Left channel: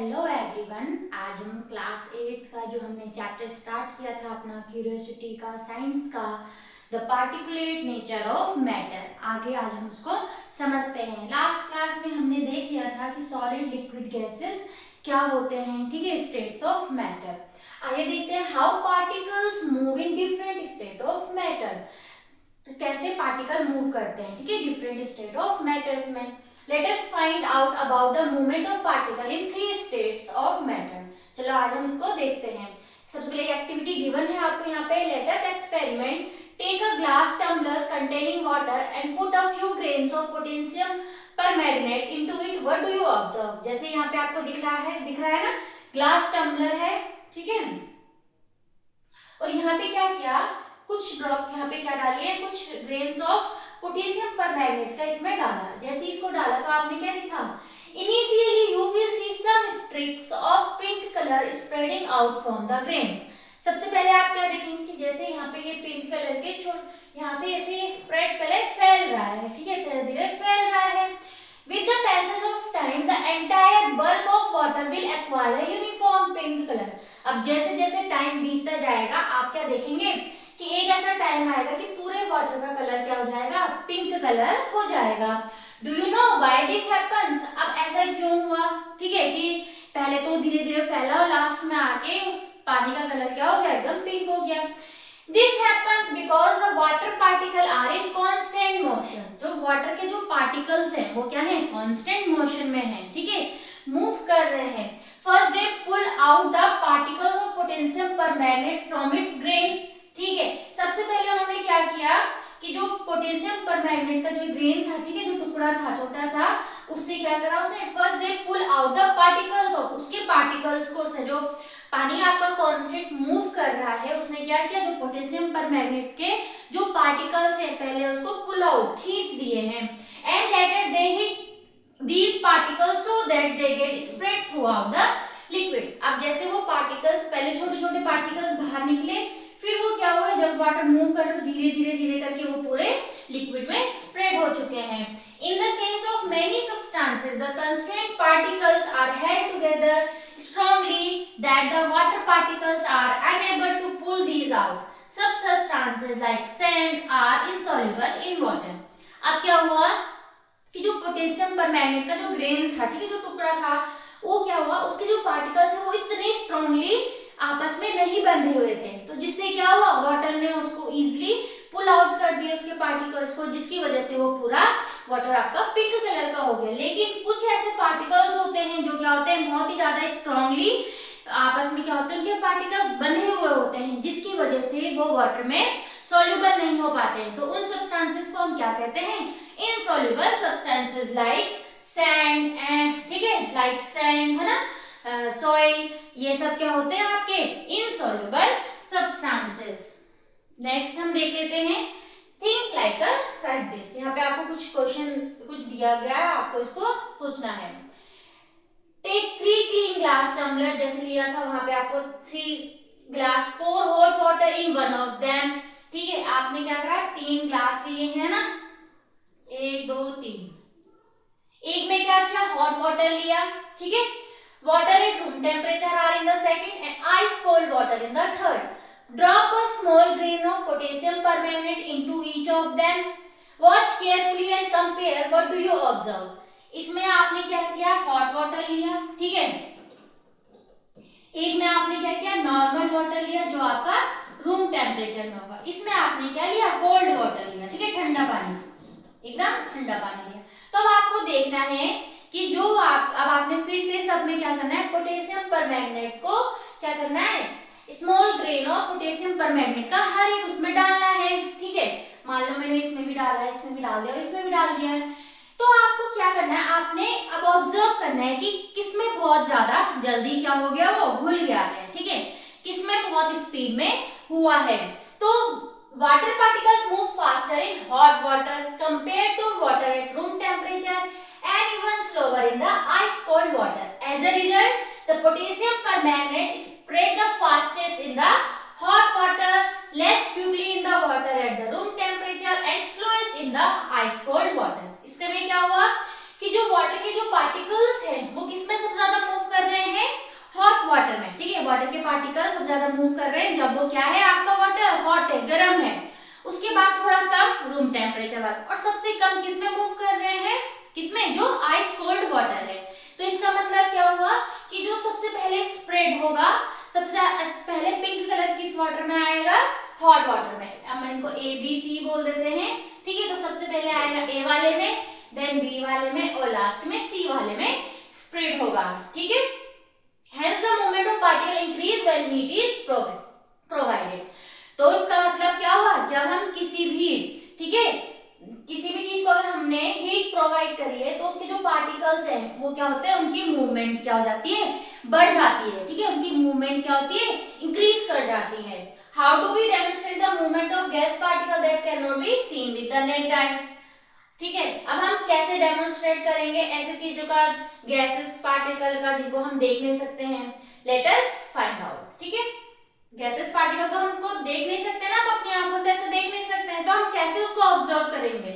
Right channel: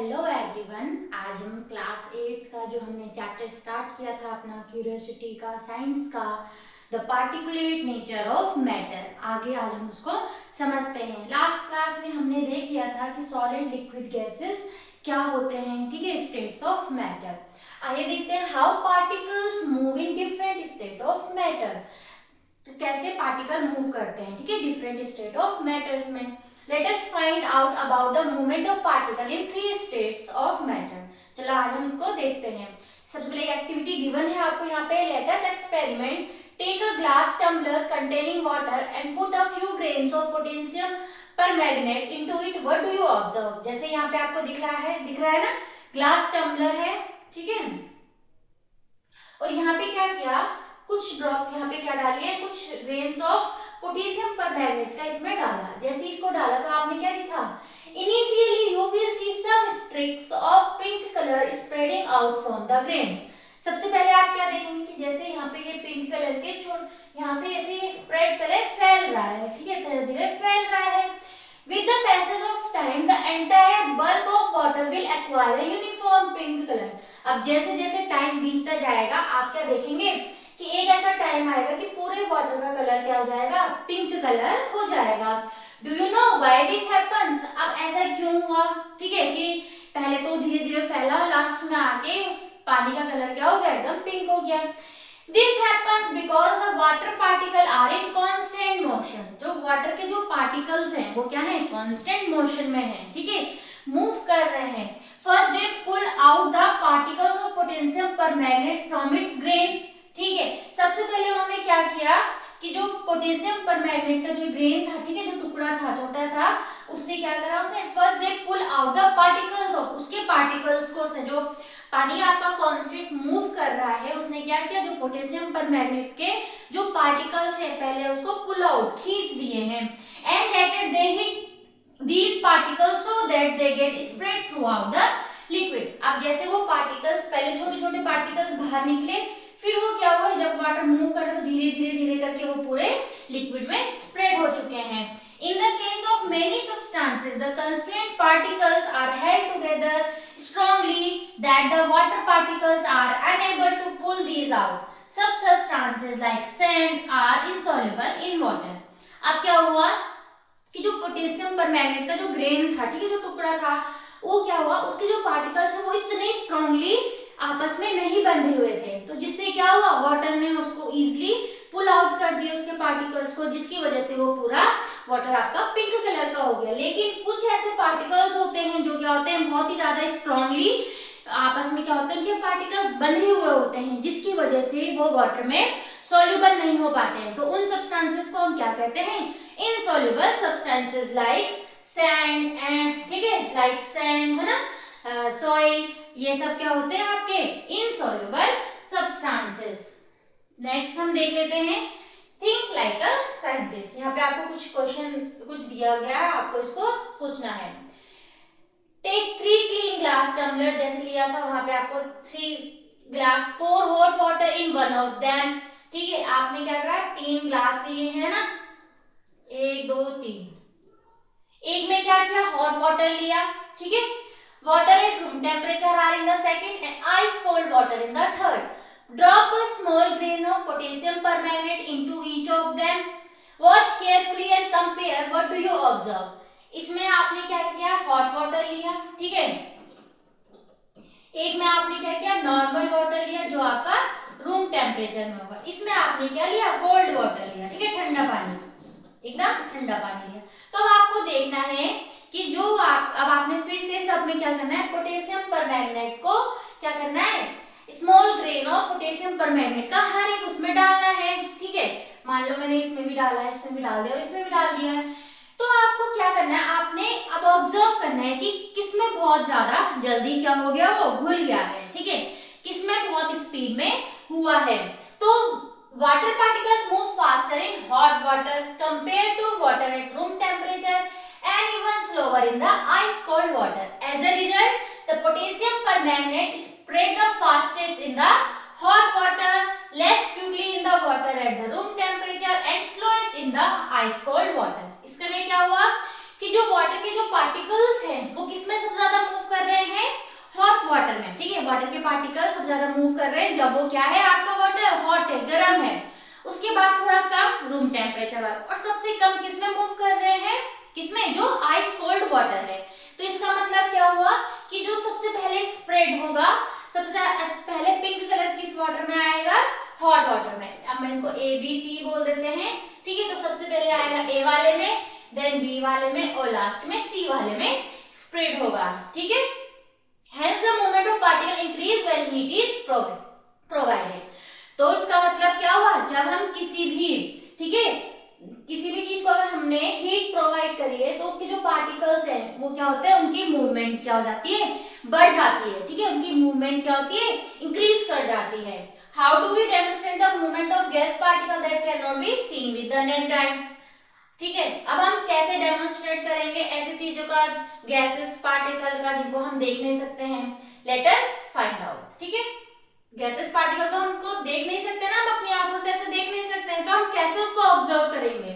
Hello everyone. आज हम class 8 का जो हमने चैप्टर स्टार्ट किया था अपना क्यूरियोसिटी का, साइंस का, the particulate nature of matter, आगे आज हम उसको समझते हैं। लास्ट क्लास में हमने देख लिया था कि सॉलिड, लिक्विड, गैसेस क्या होते हैं, ठीक है, स्टेट्स ऑफ मैटर। आइए देखते हैं how particles move in different state of matter. तो कैसे पार्टिकल मूव करते हैं, ठीक है, डिफरेंट स्टेट ऑफ मैटर्स में। Let us find out about the movement of particle in three states of matter. चलो आज हम इसको देखते हैं। सबसे पहले एक्टिविटी गिवन है आपको यहाँ पे। Let us experiment. Take a glass tumbler containing water and put a few grains of potassium permanganate into it. What do you observe? जैसे यहाँ पे आपको दिख रहा है ना, ग्लास टम्बलर है, ठीक है, और यहाँ पे क्या किया, कुछ ड्रॉप यहाँ पे क्या डाली है, कुछ ग्रेन्स ऑफ पोटेशियम परमैंगनेट का इसमें डाला। जैसे इसको डाला तो आपने क्या देखा, initially you will see some streaks of pink colour spreading out from the grains. सबसे पहले आप क्या देखेंगे कि जैसे यहाँ पे ये पिंक कलर के यहाँ से ऐसे स्प्रेड पहले फैल रहा है, ठीक है, धीरे धीरे फैल रहा है। With the passage of time, the entire bulk of water will acquire a uniform pink color. अब जैसे जैसे टाइम बीतता जाएगा आप क्या देखेंगे कि एक ऐसा टाइम आएगा कि पूरे वाटर का कलर क्या हो जाएगा, पिंक कलर हो जाएगा। Do you know why this happens? अब ऐसा क्यों हुआ, ठीक है, कि पहले तो धीरे धीरे फैला और लास्ट में आके उस पानी का कलर क्या हो गया, एकदम पिंक हो गया। This happens because the water particle are in constant motion. जो वाटर के जो पार्टिकल्स हैं वो क्या है, कांस्टेंट मोशन में हैं, ठीक है, मूव कर रहे हैं। First they pull out the particles of potassium permanganate from its grain, ठीक है। सबसे पहले उन्होंने क्या किया कि जो पोटेशियम परमैंगनेट का जो ग्रेन था, ठीक है, जो टुकड़ा था छोटा सा, उससे क्या करा उसने, first they pull out the particles of, उसके पार्टिकल्स को उसने, जो पानी आपका कांस्टेंट मूव कर रहा है, उसने क्या किया, जो पोटेशियम परमैंगनेट के जो पार्टिकल्स है पहले उसको पुल आउट, खींच दिए हैं। And later they hit these particles so that they get spread throughout the liquid. अब जैसे वो पार्टिकल्स, पहले छोटे छोटे पार्टिकल्स बाहर निकले, फिर वो क्या हुआ, जब वाटर मूव कर रहा तो धीरे धीरे धीरे करके वो पूरे लिक्विड में स्प्रेड हो चुके हैं। In the case of many substances, the constrained particles are held together strongly that the water particles are unable to pull these out. Some substances like sand are insoluble in water. अब क्या हुआ कि जो potassium permanganate का जो grain था, ठीक है, जो टुकड़ा था, वो क्या हुआ, उसके जो पार्टिकल्स है वो इतने स्ट्रांगली आपस में नहीं बंधे हुए थे, तो जिससे क्या हुआ, वाटर ने उसको इजीली पुल आउट कर दिया उसके पार्टिकल्स को, जिसकी वजह से वो पूरा वाटर आपका पिंक कलर का हो गया। लेकिन कुछ ऐसे पार्टिकल्स होते हैं जो क्या होते हैं, बहुत ही ज्यादा स्ट्रांगली आपस में क्या होते हैं, उनके पार्टिकल्स बंधे हुए होते हैं, जिसकी वजह से वो वाटर में सॉल्युबल नहीं हो पाते हैं। तो उन सब्सटेंसेस को हम क्या कहते हैं, इनसॉल्युबल सब्सटेंसेस, लाइक सैंड, ठीक है, लाइक सैंड है ना, सॉइल, ये सब क्या होते हैं आपके इनसॉल्युबल सब्सटेंसेस। नेक्स्ट हम देख लेते हैं थिंक लाइक अ साइंटिस्ट। यहाँ पे आपको कुछ क्वेश्चन कुछ दिया गया है, आपको इसको सोचना है। टेक 3 क्लीन ग्लास टम्बलर, जैसे लिया था वहां पे आपको 3 glass, pour hot water in one of them, ठीक है, आपने क्या करा, 3 ग्लास लिए हैं ना, 1 2 3, एक में क्या किया, हॉट वाटर लिया, ठीक है, water at room temperature are in the second and ice cold water in the third. Drop a small grain of potassium permanganate into each of them. Watch carefully and compare. What do you observe? इसमें आपने क्या किया, hot water लिया, ठीक है, एक में आपने क्या किया, नॉर्मल वाटर लिया जो आपका रूम टेम्परेचर में होगा। इसमें आपने क्या लिया, कोल्ड वाटर लिया, ठीक है, ठंडा पानी, एकदम ठंडा पानी लिया। तो अब आपको देखना है कि जो अब आपने फिर से सब में क्या करना है, पोटेशियम परमैंगनेट को क्या करना है, small grain of potassium permanganate का हर एक उसमें डालना है, ठीक है, मान लो मैंने इसमें भी डाला है, इसमें भी डाल दिया और इसमें भी डाल दिया है। तो आपको क्या करना है, आपने अब ऑब्जर्व करना है कि किसमें बहुत ज्यादा जल्दी क्या हो गया, वो घुल गया है, ठीक है, किसमें बहुत स्पीड में हुआ है। तो water particles move faster in hot water compare to water at room temperature and even slower in the ice cold water. As a result, the potassium permanganate spread the fastest in the hot water, less quickly in the water at the room temperature and slowest in the ice cold water. इसके में क्या हुआ कि जो water के जो particles हैं वो किसमें सबसे ज्यादा मूव कर रहे हैं, वाटर में, ठीक है। वाटर के पार्टिकल सबसे ज्यादा मूव कर रहे हैं जब वो क्या है, आपका वाटर हॉट है, गर्म है। उसके बाद थोड़ा कम रूम टेम्परेचर वाला, और सबसे कम किसमें मूव कर रहे हैं, किसमें, जो आइस कोल्ड वाटर है। तो इसका मतलब क्या हुआ कि जो सबसे पहले स्प्रेड होगा, सबसे पहले पिंक कलर किस वाटर में आएगा, हॉट वाटर में। अब हम इनको ए बी सी बोल देते हैं, ठीक है। तो सबसे पहले आएगा ए वाले में, देन बी वाले में, और लास्ट में सी वाले में स्प्रेड होगा, ठीक है। Hence the movement of particle increase when heat is provided. तो इसका मतलब क्या हुआ, जब हम किसी भी, ठीक है, किसी भी चीज को अगर हमने हीट प्रोवाइड करी है तो उसके जो पार्टिकल्स हैं वो क्या होते हैं, उनकी मूवमेंट क्या हो जाती है, बढ़ जाती है, ठीक है। उनकी मूवमेंट क्या होती है, इंक्रीज कर जाती है। How do we demonstrate the movement of gas particle that can not be seen with the naked eye, ठीक है। अब हम कैसे डेमोन्स्ट्रेट करेंगे ऐसी चीजों का, गैसेस पार्टिकल का, जिनको हम देख नहीं सकते हैं। लेट अस फाइंड आउट, ठीक है। गैसेस पार्टिकल तो हमको देख नहीं सकते ना, हम अपनी आंखों से ऐसे देख नहीं सकते हैं, तो हम कैसे उसको ऑब्जर्व करेंगे,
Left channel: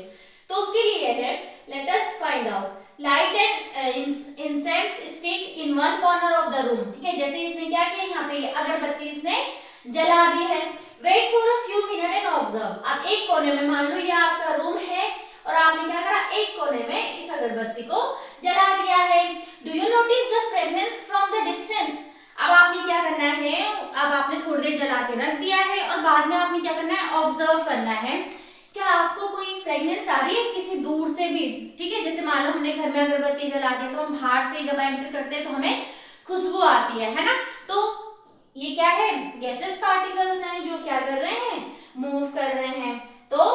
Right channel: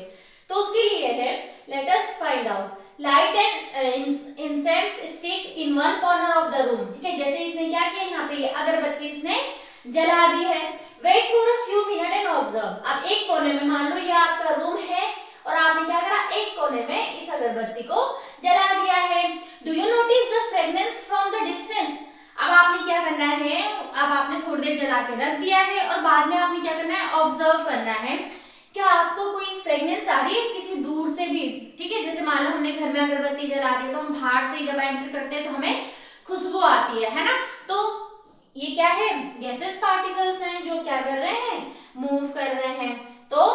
तो उसके लिए है, let us find out. Light and incense stick in one corner of the room, ठीक है। जैसे इसने क्या किया, यहाँ पे अगरबत्ती इसने जला दी है। Wait for a few minute and observe. अब एक कोने में, मान लो ये आपका रूम है और आपने क्या करा, एक कोने में इस अगरबत्ती को जला दिया है। Do you notice the fragrance from the distance. अब आपने क्या करना है, अब आपने थोड़ी देर जला के रख दिया है और बाद में आपने क्या करना है, ऑब्जर्व करना है, क्या आपको कोई फ्रेग्रेंस आ रही है किसी दूर से भी, ठीक है। जैसे मान लो हमने घर में अगरबत्ती जला दी तो हम बाहर से जब एंटर करते हैं तो हमें खुशबू आती है ना। तो ये क्या है, गैसेस पार्टिकल्स हैं जो क्या कर रहे हैं, मूव कर रहे हैं। तो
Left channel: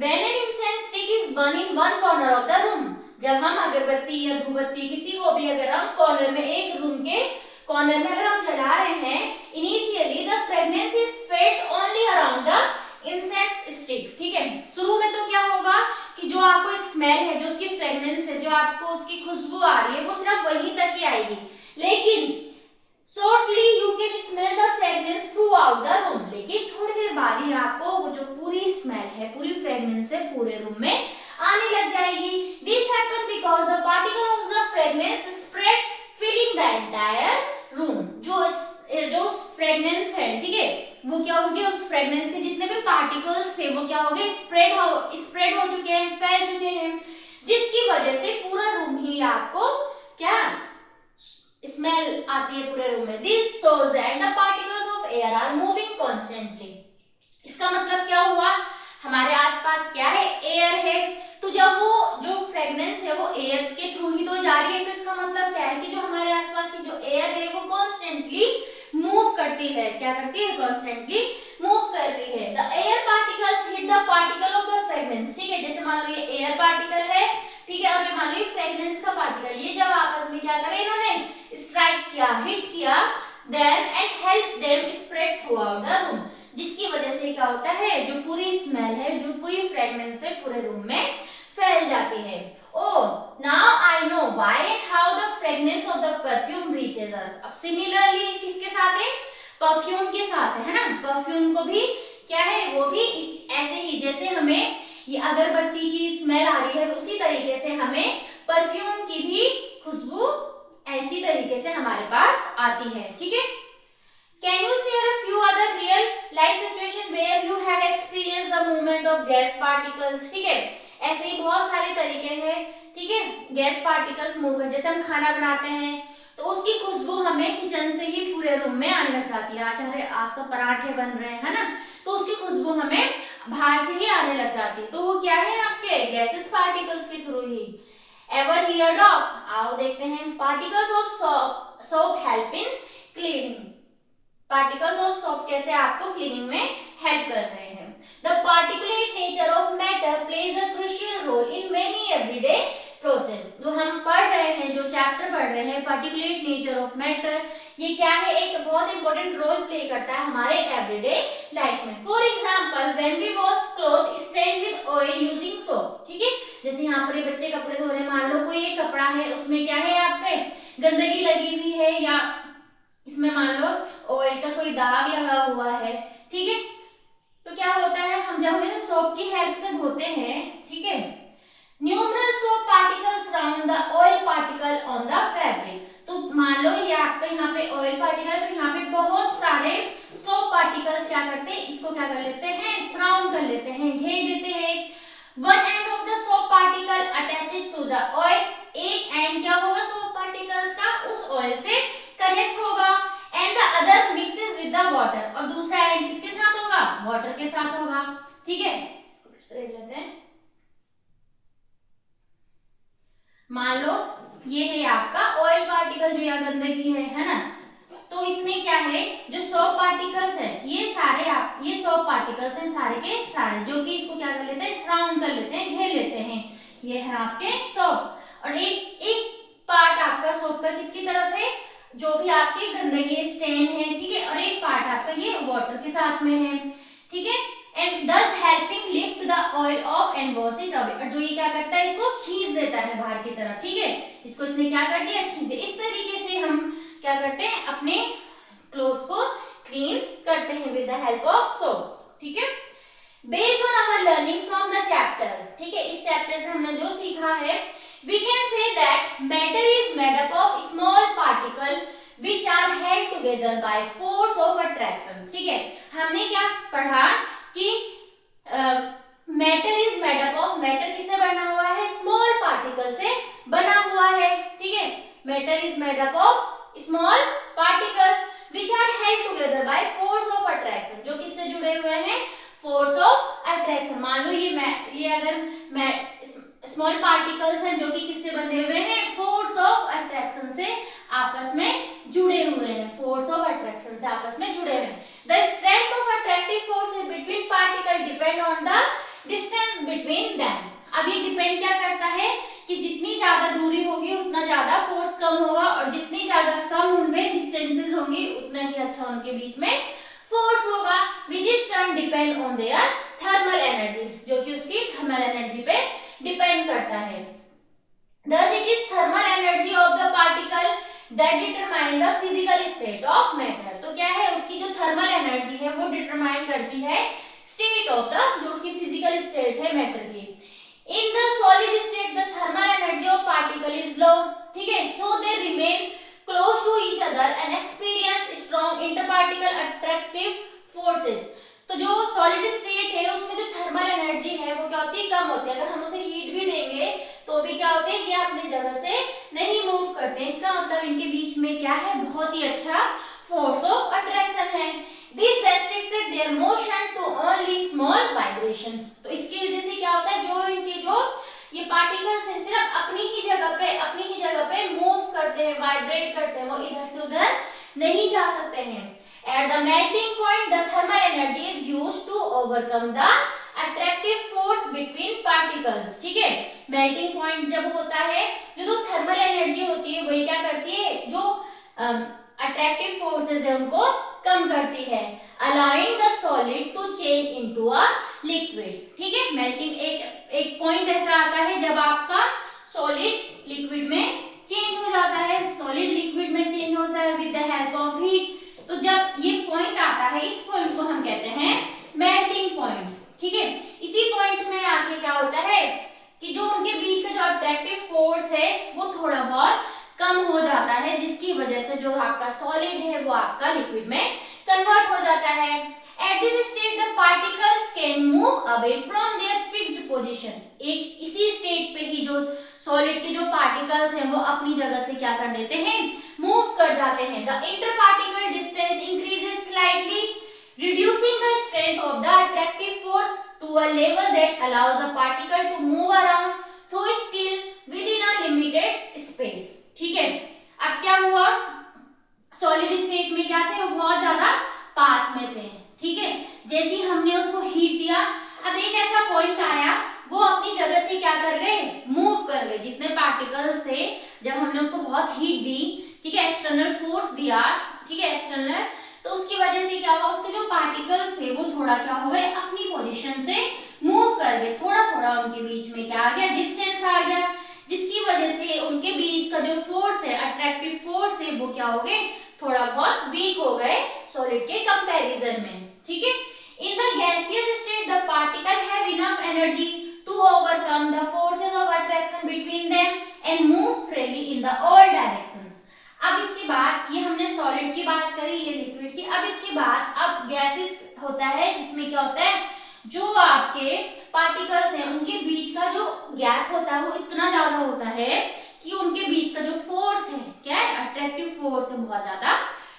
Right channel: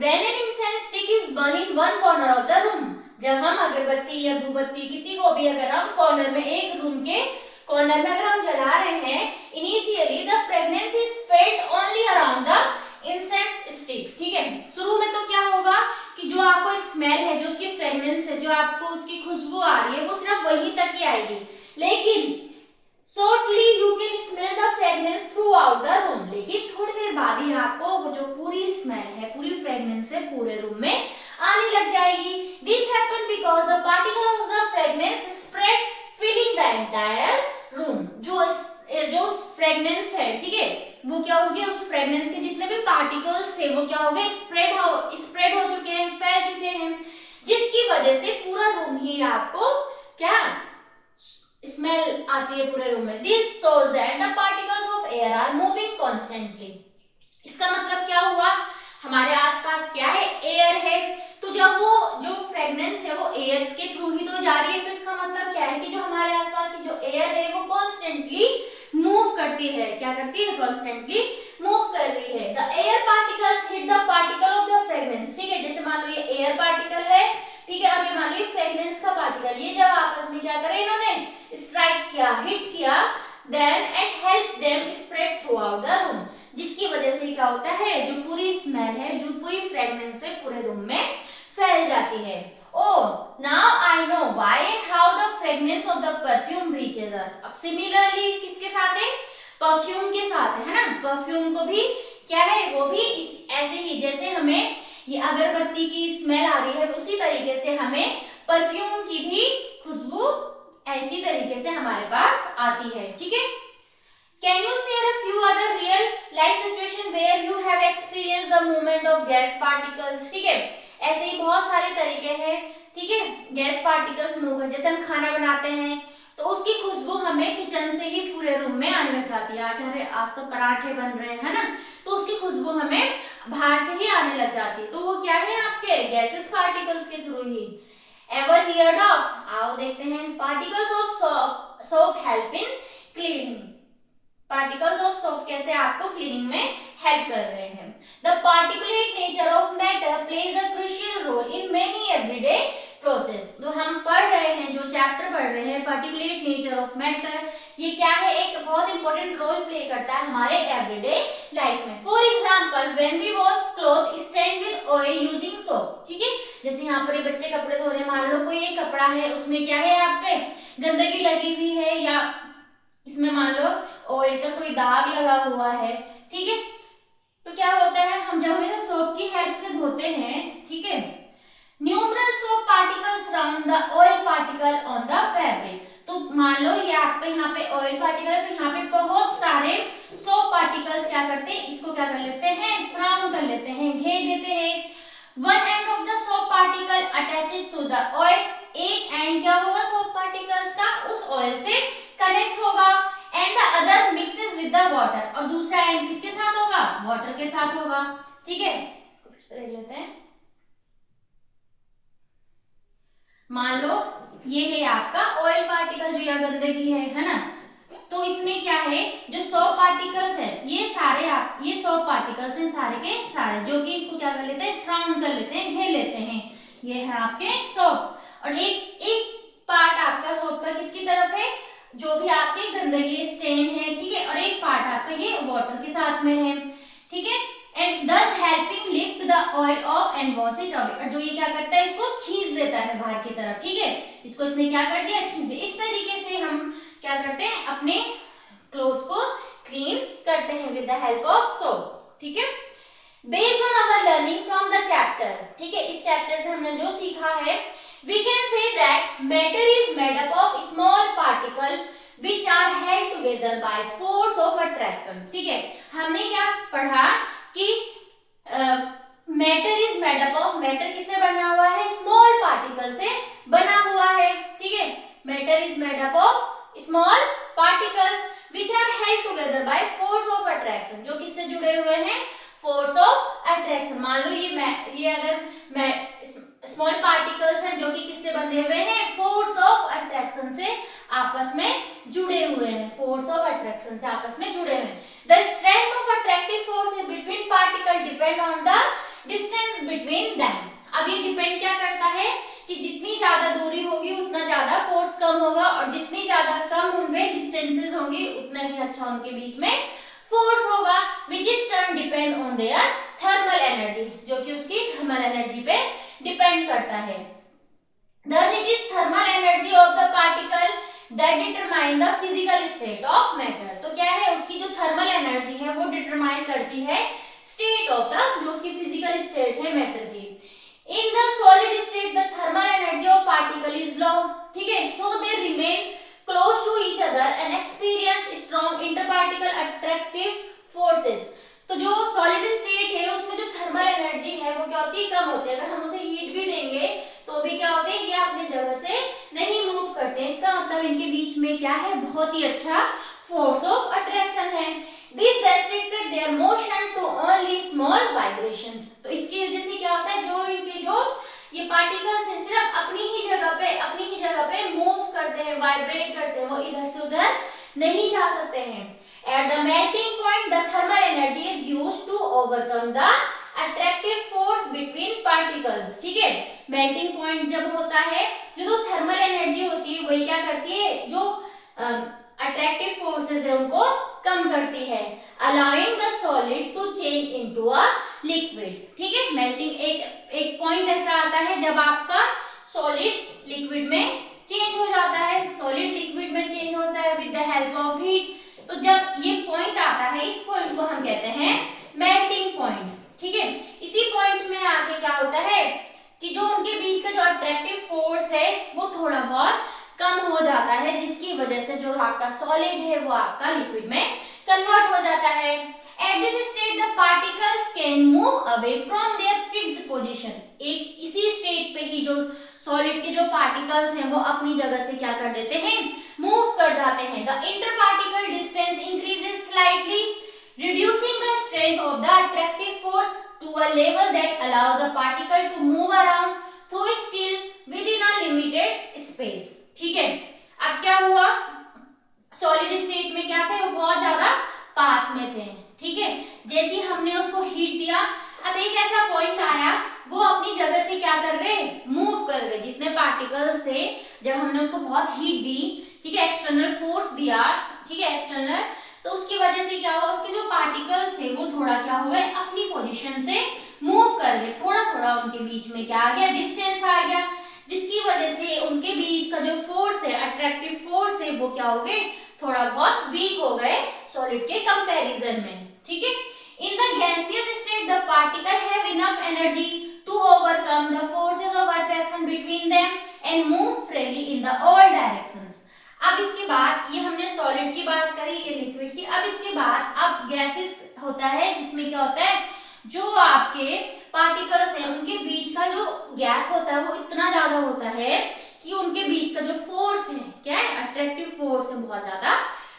when an incense stick is burned in one corner of the room, जब हम अगरबत्ती या धूपबत्ती किसी को भी अगर हम कॉर्नर में, एक रूम के कॉर्नर में अगर हम जला रहे हैं, initially the fragrance is felt only around the incense stick, ठीक है। शुरू में तो क्या होगा कि जो आपको स्मेल है, जो उसकी फ्रेग्रेंस है, जो आपको उसकी खुशबू आ रही है, वो सिर्फ वहीं तक ही आएगी, लेकिन shortly you can smell the fragrance throughout the room, लेकिन थोड़ी देर बाद ही आपको वो जो पूरी स्मेल है, पूरी फ्रेग्रेंस है, पूरे रूम में आने लग जाएगी। This happen because the particle of the fragrance spread filling the entire room. जो फ्रेग्रेंस है, ठीक है, वो क्या हो गया, उस फ्रेग्रेंस के जितने भी पार्टिकल्स थे वो क्या हो गए, स्प्रेड हो चुके हैं, फैल चुके हैं, जिसकी वजह से पूरा रूम ही आपको क्या स्मेल आती है पूरे रूम में। This shows that the particles of air are moving constantly. इसका मतलब क्या हुआ, हमारे आसपास क्या है, एयर है, तो जब वो जो फ्रेग्रेंस है वो एयर के थ्रू ही तो जा रही है, तो इसका मतलब क्या है कि जो हमारे आसपास की जो एयर है वो कॉन्स्टेंटली मूव करती है, क्या करती है, कॉन्स्टेंटली मूव कर रही है। The air particles hit the particle of the fragrance, ठीक है। जैसे मान लो ये एयर पार्टिकल है, ठीक है, और ये मान लो फ्रेग्रेंस का पार्टिकल, ये जब आपस में क्या करे, इन्होंने स्ट्राइक किया, हिट किया, then and help them spread throughout the room, जिसकी वजह से क्या होता है, जो पूरी स्मेल है, जो पूरी फ्रेग्रेंस है, पूरे रूम में फैल जाती है। Oh, now I know why and how the fragrance of the perfume reaches us. अब similarly किसके साथ है, परफ्यूम के साथ है ना। परफ्यूम को भी क्या है, वो भी ऐसे ही जैसे हमें ये अगरबत्ती की स्मेल आ रही है, उसी तरीके से हमें परफ्यूम की भी खुशबू ऐसी तरीके से हमारे पास आती है, ठीक है। Can you share a few other real life situation where you have experienced the movement of gas particles, ठीक है। ऐसे ही बहुत सारे तरीके हैं, ठीक है, गैस पार्टिकल्स मूव कर, जैसे हम खाना बनाते हैं तो उसकी खुशबू हमें किचन से ही पूरे रूम में आने लग जाती है। आज तो पराठे बन रहे हैं ना, तो उसकी खुशबू हमें बाहर से ही आने लग जाती है, तो वो क्या है, आपके गैसेस पार्टिकल्स के थ्रू ही। एवर हियर्ड ऑफ, आओ देखते हैं, particles of soap help in cleaning. Particles of soap कैसे आपको क्लीनिंग में हेल्प कर रहे हैं। The particulate nature of matter plays a crucial role in many everyday process. जो हम पढ़ रहे हैं, जो चैप्टर पढ़ रहे हैं, पार्टिकुलेट नेचर ऑफ मैटर, ये क्या है, एक बहुत इंपॉर्टेंट रोल प्ले करता है हमारे एवरीडे लाइफ में। For example, when we wash cloth stain with oil using soap, ठीक है। जैसे यहाँ पर ये बच्चे कपड़े धो रहे हैं, मान लो कोई एक कपड़ा है, उसमें क्या है, आपके गंदगी लगी हुई है, या इसमें मान लो ऑयल का कोई दाग लगा हुआ है, ठीक है। तो क्या होता है, हम जब इन्हें सोप की हेल्प से धोते हैं, ठीक है, numeral soap particles round the oil particle on the fabric. तो मान लो ये आपका यहाँ पे ऑयल पार्टिकल है, तो यहाँ पे बहुत सारे सोप पार्टिकल्स क्या करते हैं, इसको क्या कर लेते हैं, सराउंड कर लेते हैं, घेर देते हैं। One end of the soap particle attaches to the oil, एक एंड क्या होगा सोप पार्टिकल्स का, उस ऑयल से कनेक्ट होगा, and the other mixes with the water, और दूसरा एंड किसके साथ होगा, वाटर के साथ होगा। ठीक है, इसको फिर से देख लेते हैं। मान लो ये है आपका ऑयल पार्टिकल जो यहाँ गंदगी है ना, तो इसमें क्या है, जो सोप पार्टिकल्स है ये सारे ये सोप पार्टिकल्स हैं सारे के सारे, जो कि इसको क्या कर लेते हैं, सराउंड कर लेते हैं, घेर लेते हैं। ये है आपके सोप, और एक पार्ट आपका सोप का किसकी तरफ है, जो भी आपकी गंदगी स्टेन है, ठीक है, और एक पार्ट आपका ये वाटर के साथ में है। ठीक है, and thus helping lift the oil off and wash it away, और जो ये क्या करता है, इसको खींच देता है बाहर की तरफ। ठीक है, इसको इसने क्या कर दिया, खींच दिया। इस तरीके से हम क्या करते हैं, अपने क्लोथ को क्लीन करते हैं with the help of soap. ठीक है, based on our learning from the chapter, ठीक है, इस चैप्टर से हमने जो सीखा है, we can say that matter is made up of small particle which are held together by force of attraction। ठीक है, हमने क्या पढ़ा कि matter is made up of, matter किससे बना हुआ है, स्मॉल पार्टिकल से बना हुआ है। ठीक है, matter is made up of small particles which are held together by force of attraction, जो किससे जुड़े हुए हैं, फोर्स ऑफ अट्रैक्शन। मान लो ये अगर मैं स्मॉल पार्टिकल्स हैं जो कि किससे बंधे हुए हैं, फोर्स ऑफ अट्रैक्शन से आपस में जुड़े हुए हैं, फोर्स ऑफ अट्रैक्शन से आपस में जुड़े हुए हैं। The strength of attractive force between particle depend on the distance between them. अब ये डिपेंड क्या करता है कि जितनी ज्यादा दूरी होगी उतना ज्यादा फोर्स कम होगा, और जितनी ज्यादा कम उनमें डिस्टेंसेस होंगी उतना ही अच्छा उनके बीच में फोर्स होगा, which is turn depend on their thermal energy, जो कि उसकी थर्मल एनर्जी पे डिपेंड करता है। Thus it is thermal energy of the particle that determine the physical state of matter। तो क्या है, उसकी जो थर्मल एनर्जी है वो डिटरमाइन करती है स्टेट ऑफ द, जो उसकी फिजिकल स्टेट है मैटर की। In the solid state the thermal energy of particle is low. ठीक है, so they remain close to each other and experience strong interparticle attractive forces. तो जो सॉलिड स्टेट है उसमें जो थर्मल एनर्जी है वो क्या होती है, कम होती है। अगर हम उसे हीट भी देंगे तो भी क्या होते हैं, ये अपनी जगह से नहीं मूव करते। इसका मतलब इनके बीच में क्या है, बहुत ही अच्छा फोर्स ऑफ अट्रैक्शन है। This restricted their motion to only small vibrations. तो इसकी वजह से क्या होता है, जो इनके जो ये पार्टिकल्स हैं सिर्फ अपनी ही जगह पे मूव करते हैं, वाइब्रेट करते हैं, वो इधर से उधर नहीं जा सकते हैं। At the melting point, the thermal energy is used to overcome the attractive force between particles। ठीक है, मेल्टिंग पॉइंट जब होता है, जो थर्मल एनर्जी होती है वही क्या करती है, जो अट्रैक्टिव फोर्सेस है उनको कम करती है, allowing the solid to change into a liquid। ठीक है, मेल्टिंग एक पॉइंट ऐसा आता है जब आपका सॉलिड लिक्विड में चेंज हो जाता है, सॉलिड लिक्विड में चेंज होता है with the help of heat. तो जब ये पॉइंट आता है, इस पॉइंट को हम कहते हैं मेल्टिंग पॉइंट। ठीक है, इसी पॉइंट में आके क्या होता है कि जो उनके बीच का जो अट्रैक्टिव फोर्स है वो थोड़ा बहुत कम हो जाता है, जिसकी वजह से जो आपका सॉलिड है वो आपका लिक्विड में कन्वर्ट हो जाता है। At this state the particles can move away from their fixed position. एक इसी स्टेट पे ही जो सॉलिड के जो पार्टिकल्स हैं वो अपनी जगह से क्या कर देते हैं, मूव कर जाते हैं। The interparticle distance increases slightly, reducing the strength of the attractive force to a level that allows a particle to move around through still within a limited space। ठीक है, अब क्या हुआ, सॉलिड स्टेट में क्या थे, वो बहुत ज्यादा पास में थे। ठीक है, जैसे ही हमने उसको हीट दिया, अब एक ऐसा पॉइंट आया वो अपनी जगह से क्या कर गए, मूव कर गए। जितने पार्टिकल्स थे जब हमने उसको बहुत हीट दी, ठीक है, एक्सटर्नल फोर्स दिया, ठीक है, एक्सटर्नल, तो उसकी वजह से क्या हुआ, उसके जो पार्टिकल्स थे वो थोड़ा क्या हो गए, अपनी पोजीशन से मूव कर गए। थोड़ा थोड़ा उनके बीच में क्या आ गया, डिस्टेंस आ गया, जिसकी वजह से उनके बीच का जो फोर्स है, अट्रैक्टिव फोर्स है, वो क्या हो गए, थोड़ा बहुत वीक हो गए सॉलिड के कंपैरिजन में। ठीक है, in the gaseous state the particle have enough energy to overcome the forces of attraction between them and move freely in the all directions. अब इसके बाद ये अब गैसेस होता है जिसमें क्या होता है, जो आपके पार्टिकल्स हैं उनके बीच का जो गैप होता है वो इतना ज्यादा होता है कि उनके बीच का जो फोर्स है, क्या है, अट्रैक्टिव फोर्स है, बहुत ज्यादा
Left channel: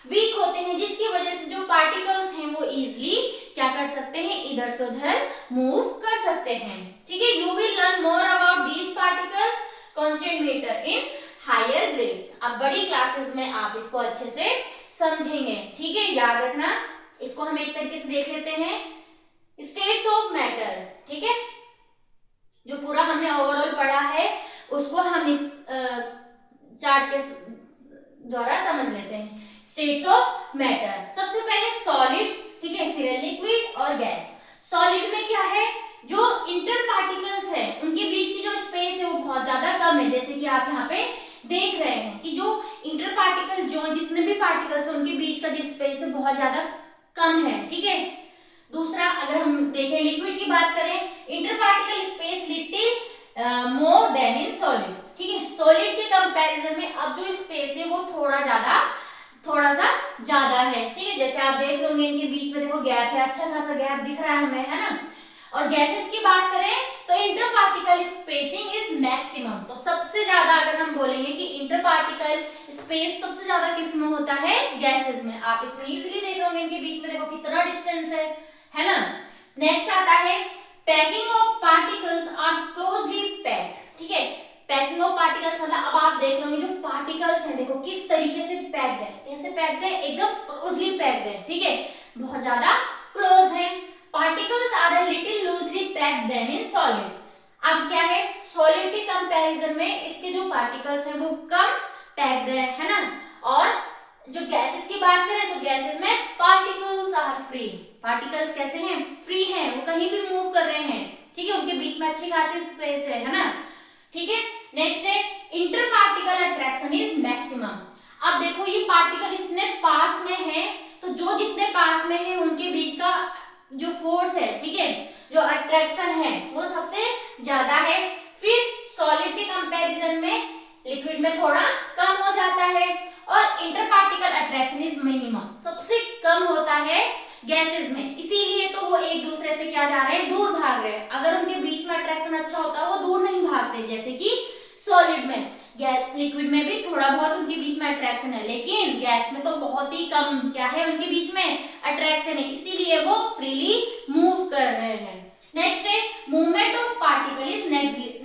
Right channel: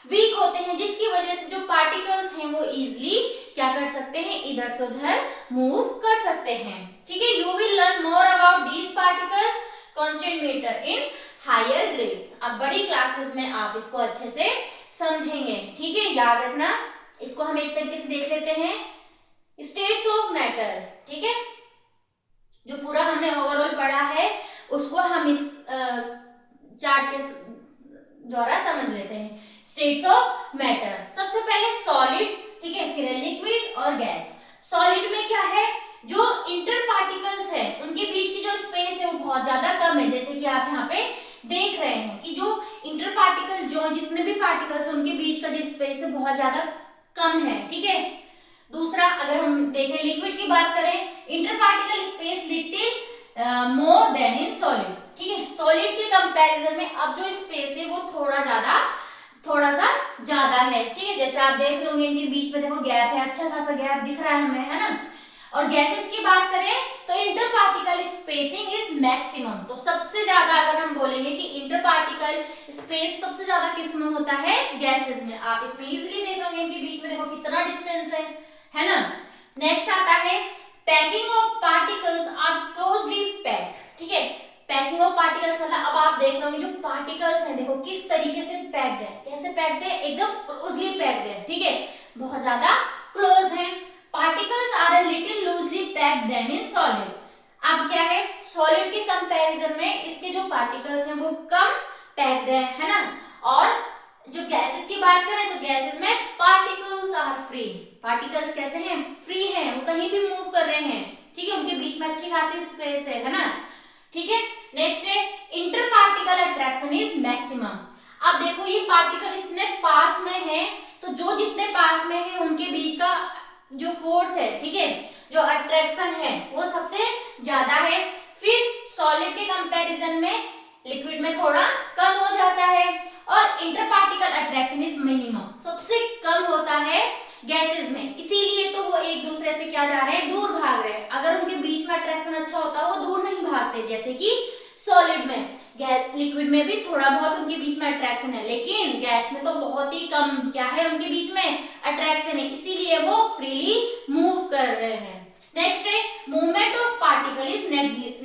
वीक होते हैं, जिसकी वजह से जो पार्टिकल्स हैं वो इजीली क्या कर सकते हैं, इधर से उधर मूव कर सकते हैं। ठीक है, you will learn more about these particles constant matter in higher grades. अब बड़ी क्लासेस में आप इसको अच्छे से समझेंगे। ठीक है, याद रखना। इसको हम एक तरीके से देख लेते हैं, स्टेट्स ऑफ मैटर। ठीक है, जो पूरा हमने ओवरऑल पढ़ा है उसको हम इस चार्ट के द्वारा समझ लेते हैं। स्टेट्स ऑफ मैटर, सबसे पहले सॉलिड, ठीक है, फिर लिक्विड और गैस। सॉलिड में क्या है, जो इंटर पार्टिकल्स है उनके बीच की जो स्पेस है वो बहुत ज्यादा कम है, जैसे कि आप यहाँ पे देख रहे हैं कि जो इंटर पार्टिकल, जो जितने भी पार्टिकल्स है उनके बीच का जो स्पेस है बहुत ज्यादा कम है। ठीक है, दूसरा अगर हम देखें लिक्विड की बात करें, inter particle space little more than in solid. ठीक है, सॉलिड के कंपैरिजन में अब जो स्पेस है वो थोड़ा सा ज्यादा है। ठीक है, जैसे आप देख रहे होंगे इनके बीच में देखो गैप है, अच्छा खासा गैप दिख रहा है हमें, है ना। और गैसेस की बात करें तो inter particle spacing is maximum. तो सबसे ज्यादा अगर हम बोलेंगे कि इंटर पार्टिकल स्पेस सबसे ज्यादा किस में होता है, गैसेस में। आप इसमें इजीली देख रहे होंगे इनके बीच में देखो कितना डिस्टेंस है ना। नेक्स्ट आता है packing of particles are closely packed. ठीक है, पैकिंग ऑफ पार्टिकल्स मतलब अब आप देख रहे होंगे जो पार्टिकल्स हैं देखो किस तरीके से पैक्ड है, कैसे पैक्ड है, एकदम क्लोजली पैक्ड है। ठीक है, बहुत ज्यादा क्लोज है। Particles are a little loosely packed than in solid. अब क्या है, सॉलिड के कंपैरिजन में इसके जो पार्टिकल्स हैं वो कम पैक्ड है ना। और जो गैसेस की बात करें तो गैसेस में पार्टिकल्स आर फ्री। पार्टिकल्स कैसे हैं, फ्री हैं, वो कहीं भी मूव कर रहे हैं। ठीक है, उनके बीच में अच्छी खासी स्पेस है ना। ठीक है, नेक्स्ट है inter particle attraction is maximum. अब देखो ये पार्टिकल इतने पास में है तो जो जितने पास में है उनके बीच का जो फोर्स है, ठीक है, जो अट्रैक्शन है वो सबसे ज्यादा है। फिर सॉलिड के कंपैरिजन में लिक्विड में थोड़ा कम हो जाता है। और inter particle attraction is minimum, सबसे कम होता है गैसेस में, इसीलिए तो वो एक दूसरे से क्या जा रहे हैं, दूर भाग रहे हैं। अगर उनके बीच में अट्रैक्शन अच्छा होता वो दूर नहीं भागते, जैसे कि सॉलिड में। लिक्विड में भी थोड़ा बहुत उनके बीच में अट्रैक्शन है, लेकिन गैस में तो बहुत ही कम क्या है उनके बीच में अट्रैक्शन है, इसीलिए वो फ्रीली मूव कर रहे हैं। नेक्स्ट है movement of particle is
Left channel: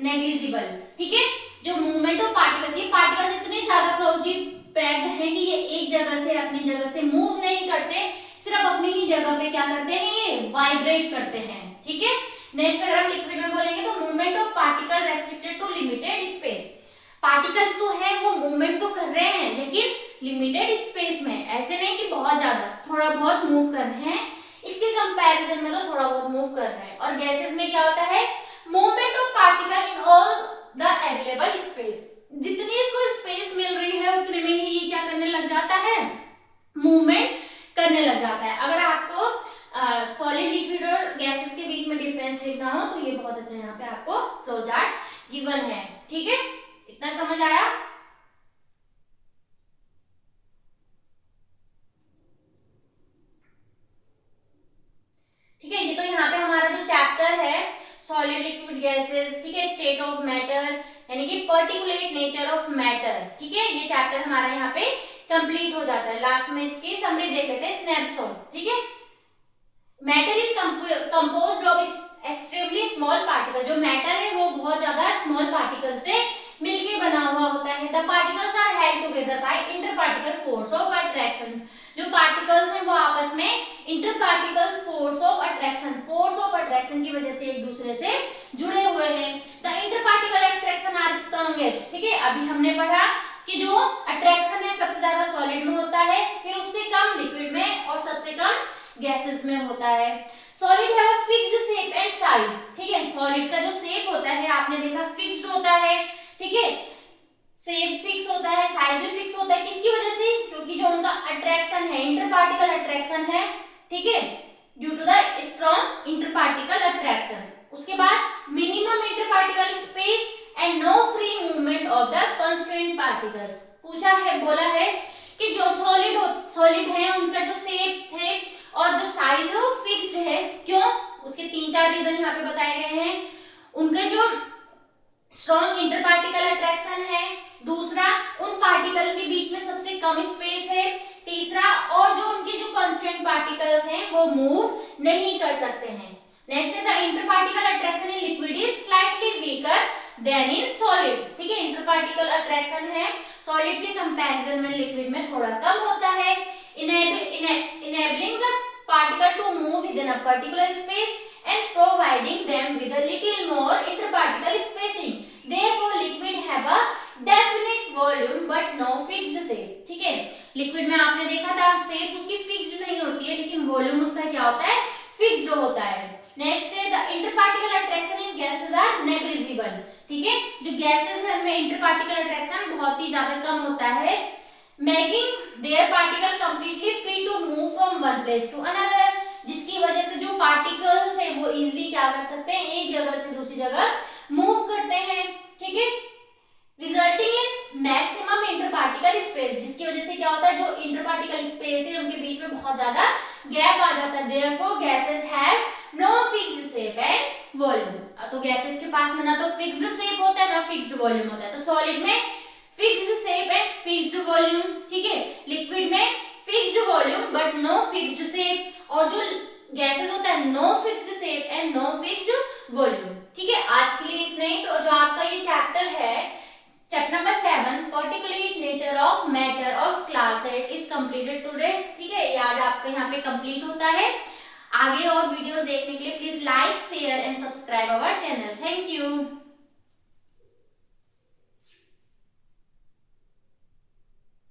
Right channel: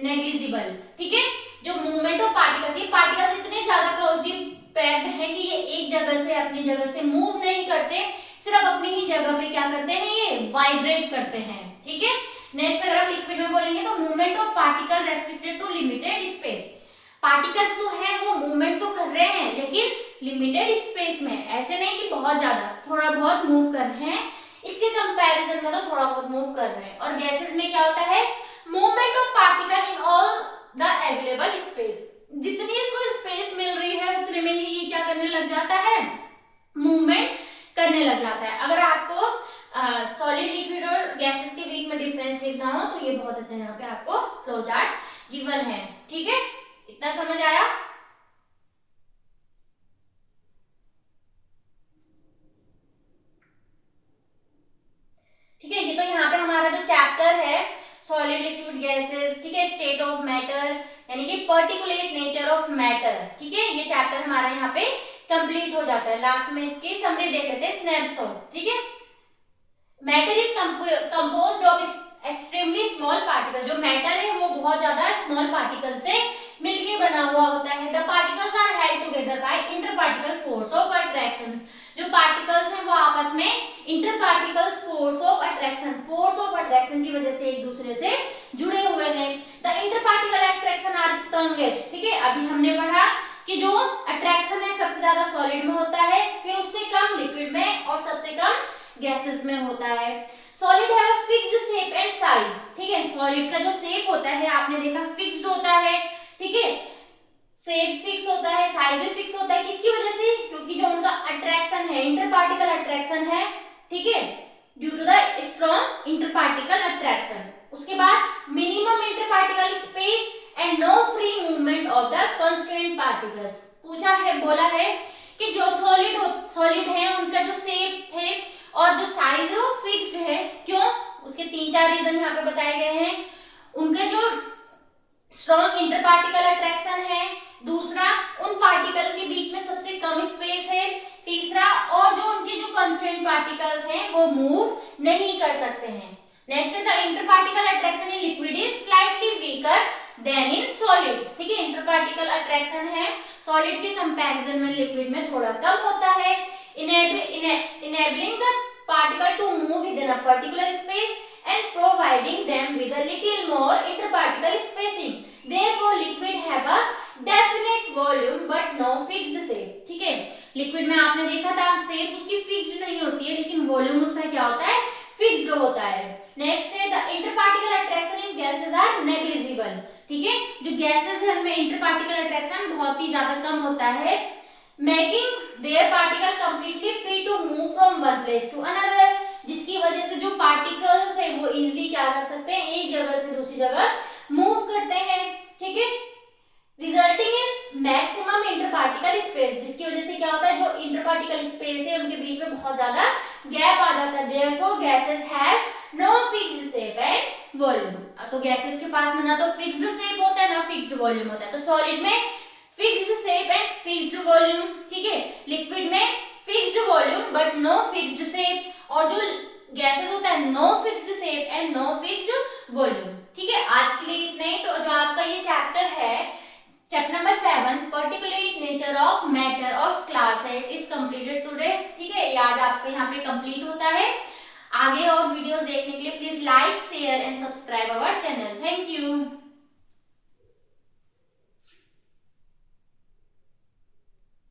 negligible. ठीक है, जो मूवमेंट ऑफ पार्टिकल्स, ये पार्टिकल्स इतने ज्यादा क्लोजली पैक्ड है कि ये एक जगह से अपनी जगह से मूव नहीं करते, सिर्फ अपनी ही जगह पे क्या करते हैं, ये वाइब्रेट करते हैं। ठीक है, नेक्स्ट अगर आप लिक्विड में बोलेंगे तो movement of particle restricted to limited space. Particle तो है वो मूवमेंट तो कर रहे हैं लेकिन लिमिटेड स्पेस में, ऐसे नहीं कि बहुत ज्यादा, थोड़ा बहुत मूव कर रहे हैं, इसके कंपैरिजन में तो थोड़ा बहुत मूव कर रहे हैं। और गैसेस में क्या होता है, movement of particle in all the available space, जितनी इसको स्पेस मिल रही है उतने में ही ये क्या करने लग जाता है, मूवमेंट करने लग जाता है। अगर आपको सॉलिड लिक्विड और गैसेस के बीच में डिफरेंस लिखना हो तो ये बहुत अच्छा यहाँ पे आपको फ्लो चार्ट गिवन है। ठीक है, इतना समझ आया। ठीक है, ये तो यहाँ पे हमारा जो चैप्टर है सॉलिड लिक्विड गैसेस, ठीक है, स्टेट ऑफ मैटर यानी कि पर्टिकुलेट नेचर ऑफ मैटर। ठीक है, ये चैप्टर हमारा यहाँ पे कंप्लीट हो जाता है। लास्ट में इसकी समरी देख लेते हैं, स्नैपशॉट। ठीक है, matter is composed of extremely small particle. जो मैटर है वो बहुत ज्यादा स्मॉल पार्टिकल से मिलके बना हुआ होता है। The particles are held together by inter particle force of attraction. जो पार्टिकल्स हैं वो आपस में inter particles force of attraction की वजह से एक दूसरे से जुड़े हुए हैं। The inter particle attraction are strongest. ठीक है, अभी हमने पढ़ा कि जो अट्रैक्शन है सबसे ज्यादा सॉलिड में होता है, फिर उससे कम लिक्विड में और सबसे कम गैसेस में होता है। Solid have a fixed shape and size. ठीक है, सॉलिड का जो शेप होता है आपने देखा फिक्स्ड होता है। ठीक है, शेप फिक्स होता है, साइज भी फिक्स होता है, किसकी वजह से, क्योंकि जो उनका अट्रैक्शन है इंटर पार्टिकल अट्रैक्शन है। ठीक है, due to the strong inter particle attraction. उसके बाद minimum inter particle space and no free movement of the constituent particles. पूछा है, बोला है कि जो सॉलिड है उनका जो शेप है और जो साइज है वो फिक्स्ड है। क्यों? उसके 3-4 रीजन यहाँ पे बताए गए हैं। उनके जो स्ट्रॉन्ग इंटरपार्टिकल अट्रैक्शन है, दूसरा उन पार्टिकल के बीच में सबसे कम स्पेस है, तीसरा और जो उनके जो कांस्टेंट पार्टिकल्स हैं वो मूव नहीं कर सकते हैं। नेक्स्ट है the interparticle attraction in liquid is slightly weaker than in solid. ठीक है, इंटरपार्टिकल अट्रैक्शन है सॉलिड के कंपैरिजन में लिक्विड में थोड़ा कम होता है। enabling the particle to move within a particular space and providing them with a little more interparticle spacing. Therefore, liquid have a definite volume but no fixed shape. ठीक है, liquid में आपने देखा था शेप उसकी फिक्स्ड नहीं होती है, लेकिन वॉल्यूम उसका क्या होता है? फिक्स्ड होता है। नेक्स्ट है the interparticle attraction in gases are negligible. ठीक है, जो गैसेस है उनमें इंटरपार्टिकल अट्रैक्शन बहुत ही ज्यादा कम होता है, making their particle completely free to move from one place to another, जिसकी वजह से जो पार्टिकल्स है वो इजीली क्या कर सकते हैं? एक जगह से दूसरी जगह मूव करते हैं। ठीक है, रिजल्टिंग इन मैक्सिमम इंटरपार्टिकल स्पेस, जिसकी वजह से क्या होता है? जो इंटरपार्टिकल स्पेस है उनके बीच में बहुत ज्यादा गैप आ जाता है। Therefore gases have no fixed shape and volume. तो गैसेस के पास में ना तो फिक्स्ड शेप होता है ना फिक्स्ड वॉल्यूम होता है। तो सॉलिड में fixed shape and fixed volume, ठीक है, लिक्विड में fixed volume but no fixed shape, और जो गैसेस होता है no fixed shape and no fixed volume. ठीक है, आज के लिए इतना ही। तो जो आपका ये चैप्टर है, chapter number 7 particulate nature of matter of class 8 is completed today. ठीक है, ये आज आपका यहाँ पे कंप्लीट होता है। आगे और वीडियोस देखने के लिए please like share and subscribe our channel. Thank you.